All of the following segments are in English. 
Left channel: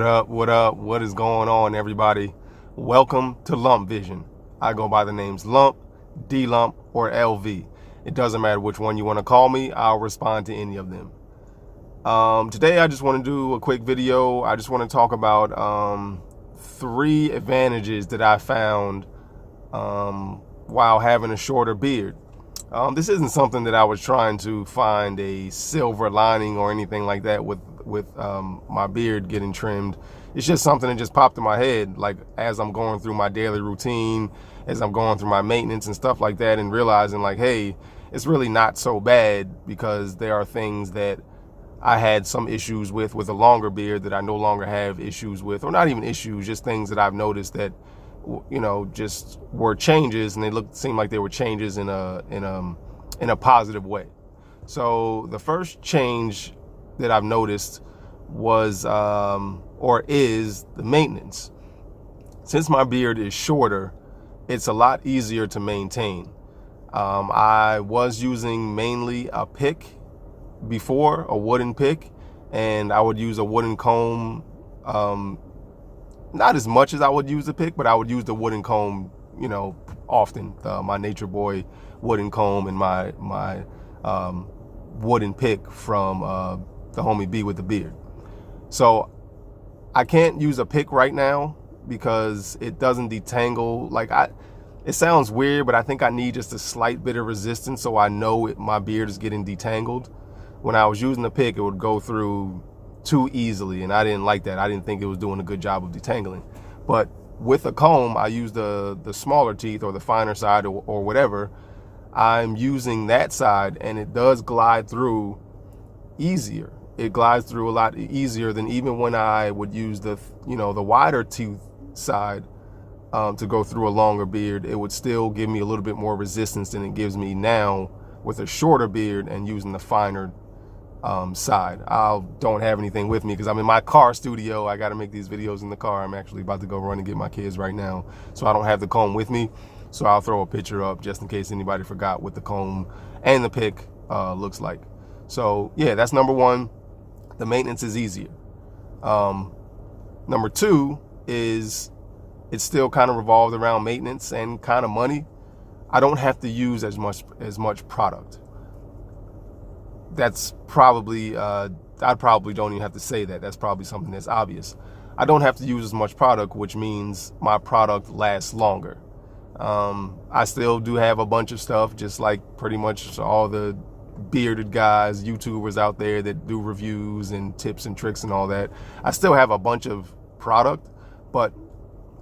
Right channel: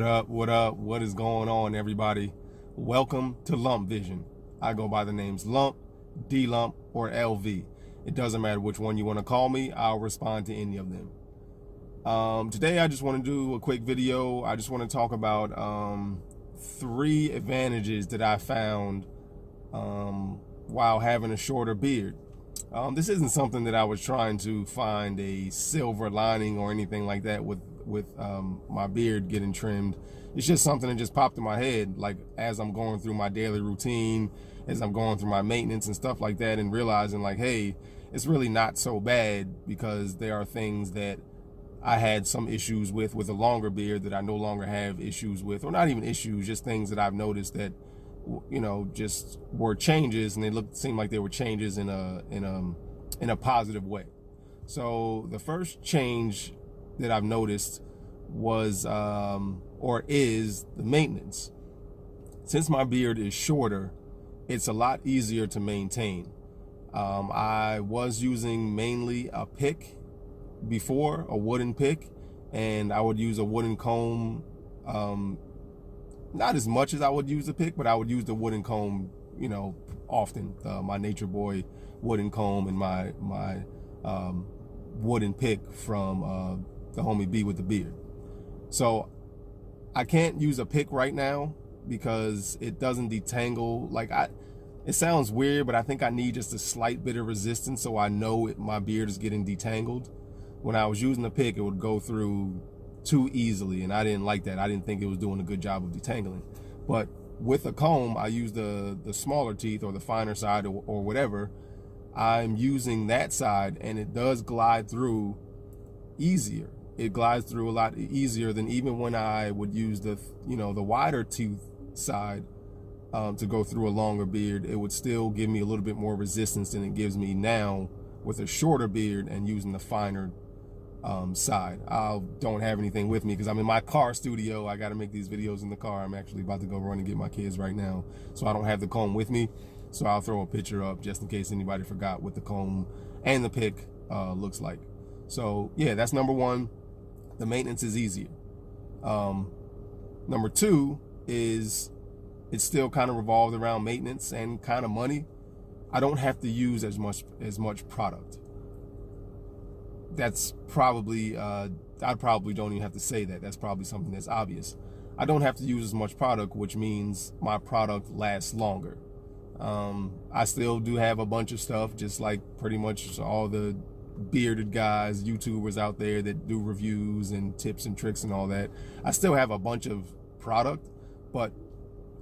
What up? What up? What is going on, everybody? Welcome to Lump Vision. I go by the names Lump, D-Lump, or LV. It doesn't matter which one you want to call me. I'll respond to any of them. Today, I just want to do a quick video. I just want to talk about 3 advantages that I found while having a shorter beard. This isn't something that I was trying to find a silver lining or anything like that with my beard getting trimmed. It's just something that just popped in my head, like as I'm going through my daily routine, as I'm going through my maintenance and stuff like that, and realizing like, hey, it's really not so bad, because there are things that I had some issues with a longer beard that I no longer have issues with, or not even issues, just things that I've noticed that, you know, just were changes, and they seemed like they were changes in a positive way. So the first change that I've noticed was or is the maintenance. Since my beard is shorter, it's a lot easier to maintain. I was using mainly a pick before, a wooden pick, and I would use a wooden comb, not as much as I would use the pick, but I would use the wooden comb, you know, often. My Nature Boy wooden comb and my wooden pick from the homie B with the beard. So I can't use a pick right now because it doesn't detangle. Like, it sounds weird, but I think I need just a slight bit of resistance so I know my beard is getting detangled. When I was using the pick, it would go through too easily, and I didn't like that. I didn't think it was doing a good job of detangling. But with a comb, I use the smaller teeth, or the finer side, or whatever. I'm using that side, and it does glide through easier. It glides through a lot easier than even when I would use the wider tooth side to go through a longer beard. It would still give me a little bit more resistance than it gives me now with a shorter beard and using the finer side. I don't have anything with me because I'm in my car studio. I got to make these videos in the car. I'm actually about to go run and get my kids right now, so I don't have the comb with me. So I'll throw a picture up just in case anybody forgot what the comb and the pick looks like. So yeah, that's number one. The maintenance is easier. Number 2 is it's still kind of revolved around maintenance and kind of money. I don't have to use as much product. That's probably, I probably don't even have to say that. That's probably something that's obvious. I don't have to use as much product, which means my product lasts longer. I still do have a bunch of stuff, just like pretty much all the bearded guys, YouTubers out there that do reviews and tips and tricks and all that. I still have a bunch of product, but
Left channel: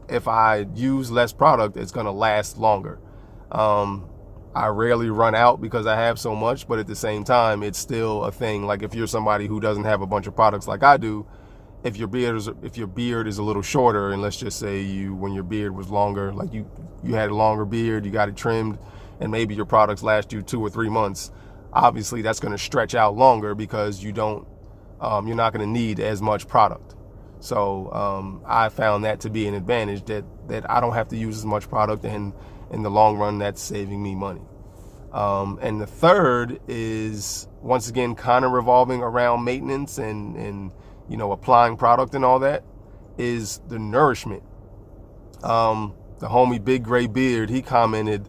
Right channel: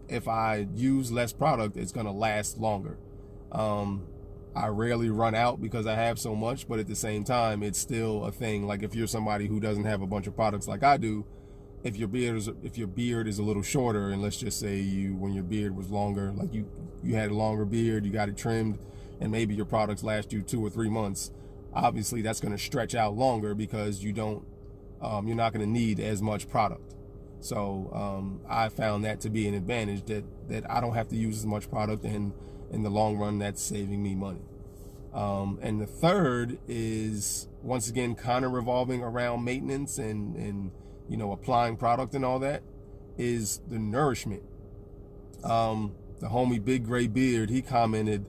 if I use less product, it's gonna last longer. I rarely run out because I have so much, but at the same time, it's still a thing. Like, if you're somebody who doesn't have a bunch of products like I do, if your beard is a little shorter, and let's just say when your beard was longer, like you had a longer beard, you got it trimmed, and maybe your products last you 2 or 3 months, obviously that's going to stretch out longer because you're not going to need as much product. So I found that to be an advantage, that I don't have to use as much product, and in the long run, that's saving me money. And the third is, once again, kind of revolving around maintenance and applying product and all that, is the nourishment. The homie Big Gray Beard, he commented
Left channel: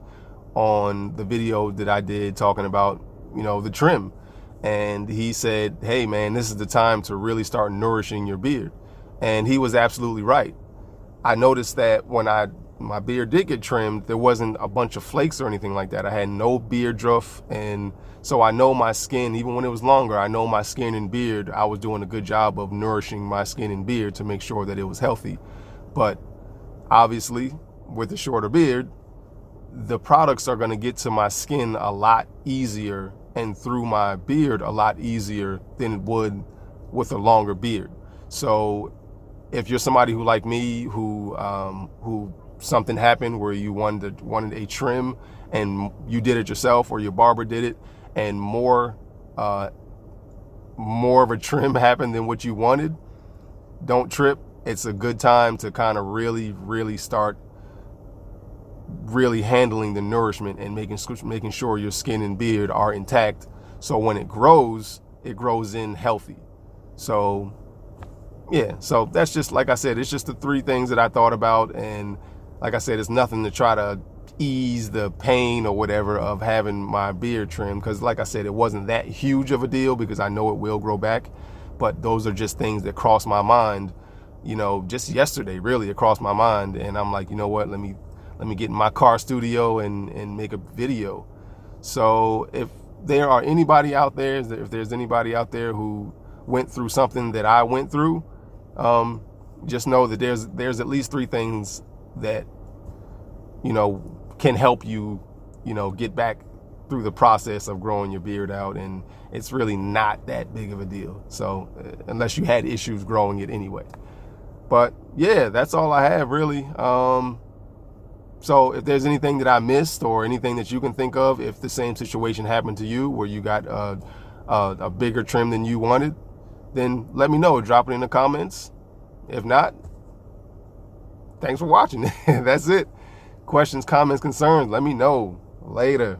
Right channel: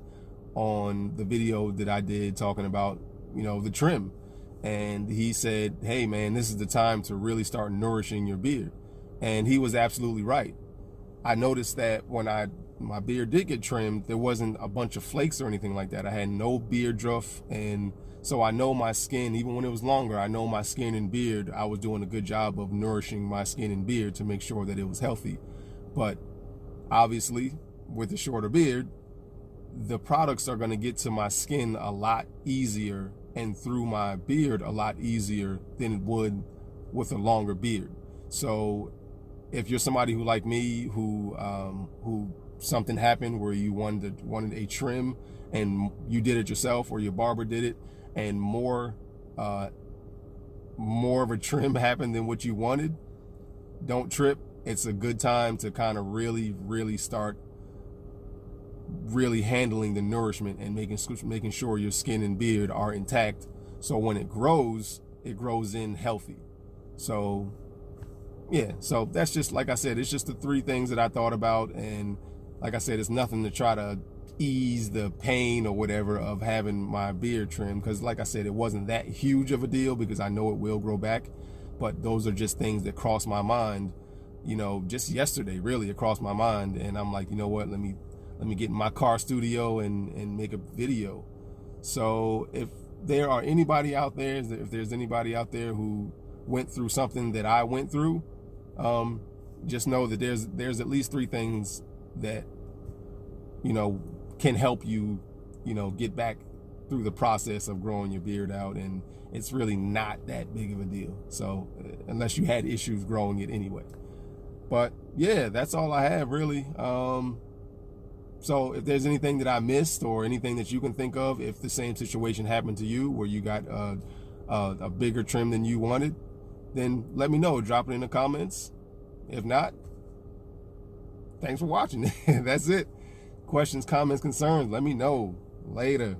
on the video that I did talking about, the trim. And he said, hey man, this is the time to really start nourishing your beard. And he was absolutely right. I noticed that when my beard did get trimmed, there wasn't a bunch of flakes or anything like that. I had no beard druff, and so I know my skin, even when it was longer, I know my skin and beard, I was doing a good job of nourishing my skin and beard to make sure that it was healthy. But obviously, with a shorter beard, the products are going to get to my skin a lot easier and through my beard a lot easier than it would with a longer beard. So if you're somebody who, like me, who something happened where you wanted a trim and you did it yourself, or your barber did it, and more of a trim happened than what you wanted, don't trip. It's a good time to kind of really start handling the nourishment and making sure your skin and beard are intact, so when it grows in healthy. So yeah, so that's just, like I said, it's just the three things that I thought about. And like I said, it's nothing to try to ease the pain or whatever of having my beard trimmed, because like I said, it wasn't that huge of a deal because I know it will grow back. But those are just things that cross my mind, you know, just yesterday, really, it crossed my mind. And I'm like, you know what, let me get in my car studio and make a video. So if there are anybody out there, if there's anybody out there who went through something that I went through, just know that there's at least three things that, you know, can help you, you know, get back through the process of growing your beard out. And it's really not that big of a deal. So unless you had issues growing it anyway. But yeah, that's all I have really. So if there's anything that I missed or anything that you can think of, if the same situation happened to you where you got a bigger trim than you wanted, then let me know. Drop it in the comments. If not, thanks for watching. That's it. Questions, comments, concerns, let me know. Later.